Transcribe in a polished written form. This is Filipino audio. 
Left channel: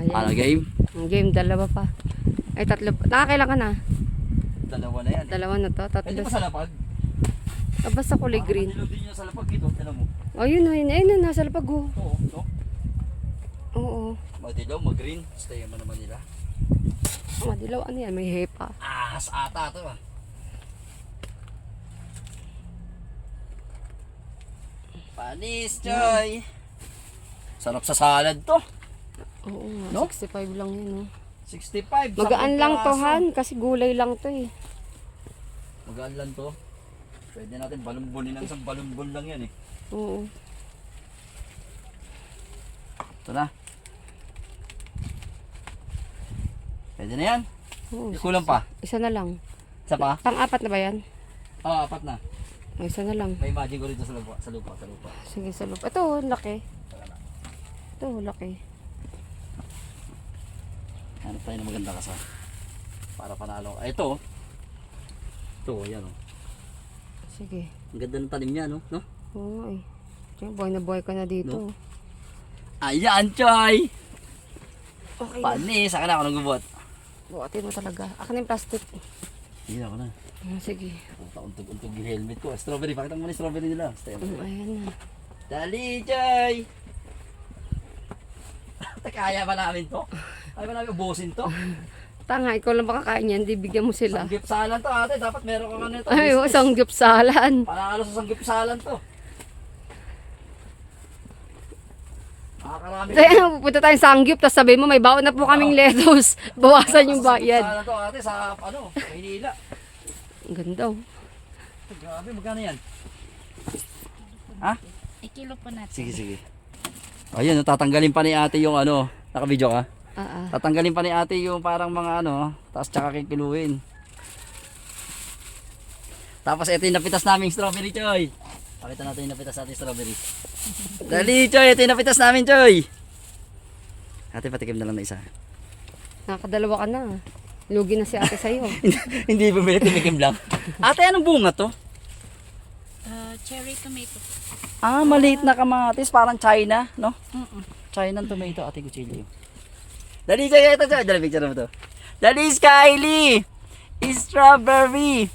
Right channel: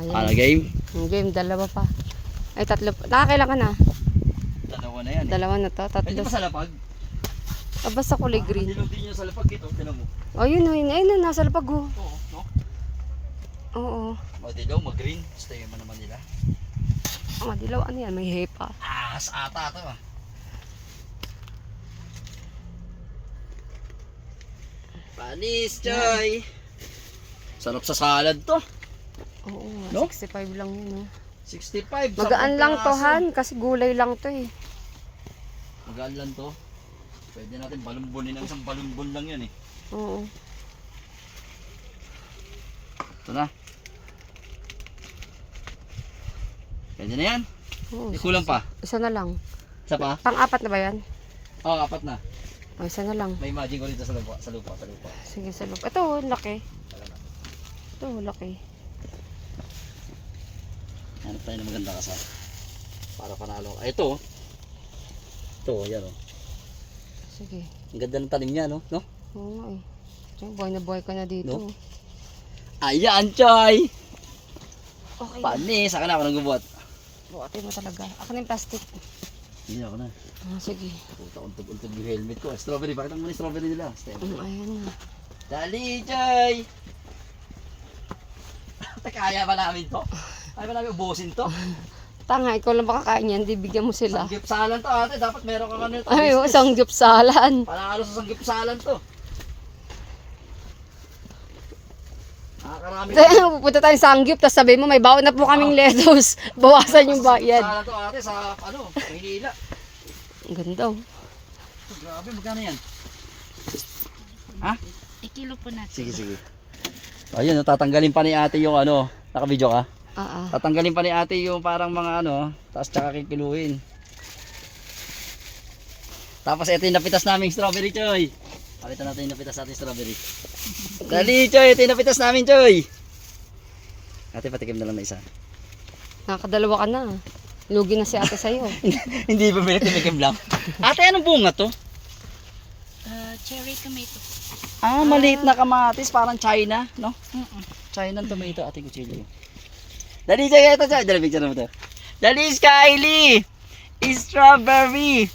Ayan. Ano, game? Ang game, dalawa pa. Ay, tatlo pa. Nakakailan ka na? Dalawa na yan. Dalawa na to, tatlo. Pwede ba sa lapag? Ah, basta kulay green. Dilaw din niya sa lapag dito, tinan mo. Ayun, ayun, nasa lapag oh. Oo, no? Oo. Madilaw, mag-green. Stay mo naman nila. Madilaw, ano yan? May hepa. Ahas ata to ah. Panis, Choy! Sarap sa salad to. Oo, No? 65 lang yun oh. 65. Magaan 10 lang to, piraso. Han, kasi gulay lang to eh. Magaan lang to. Pwede natin balumbulin ng isang balumbul lang yan eh. Oo. Ito na. Pwede na yan. Oo. Di kulang pa. Isa na lang. Isa pa? Pang-apat na ba yan? Oo, apat na. O, isa na lang. May imagine ko dito sa lupa. Sa lupa. Sige, sa loob. Ito, laki. Ito, laki. Ano tayo na maganda ka sa para panalo. Ay, ito. Ito, yan o. Sige. Ang ganda ng tanim niya, no? No? Oo nga eh. Diyan, buhay na buhay ka na dito. No? Ayan, Choy! Okay na. Panis, saka na ako nagbubuhat. Buhatin mo talaga. Ako na yung plastic. Hindi ako na. Oh, sige. Puta, untog-untog yung helmet ko. Strawberry, pakita mo na yung strawberry nila. Stay mo. Ayan na. Dali, Choy! Kaya ba namin to? Kaya ba namin ubusin to? Tanga, ikaw lang makakain yan. Di bigyan mo sila. Sanggipsalan to ate. Dapat meron ka ano ito. Ay, isang gypsalan. Panangalo sa sanggipsalan to. Nakakarami. Kaya pupunta tayong sangyup, tapos sabihin mo, may baon na po kaming lettuce. Bawasan yung bayad. Sanggipsalan to ate sa ano, Maynila. Ang ganda oh. Grabe, magkano yan? Ha? Ikilo po natin. Sige. Ayun, tatanggalin pa ni ate yung ano, naka-video ka? Tatanggalin pa ni ate yung parang mga ano, tapos tsaka kikiluin. Tapos ito yung napitas naming strawberry, Choy. Pakita natin yung napitas natin strawberry. Dali, Choy, ito yung napitas namin, Choy. Ate, patikim na lang na isa. Nakakadalawa ka na. Lugi na si ate sa'yo. Hindi bumili, timikim lang. Ate, anong bunga to? Cherry tomato. Ah, maliit na kamatis, parang China, no? Mm-mm. China tomato, ate kuchilyo. Dali, Choy, ito, Choy. Dali, picture mo to. Dali, Skyly! Strawberry!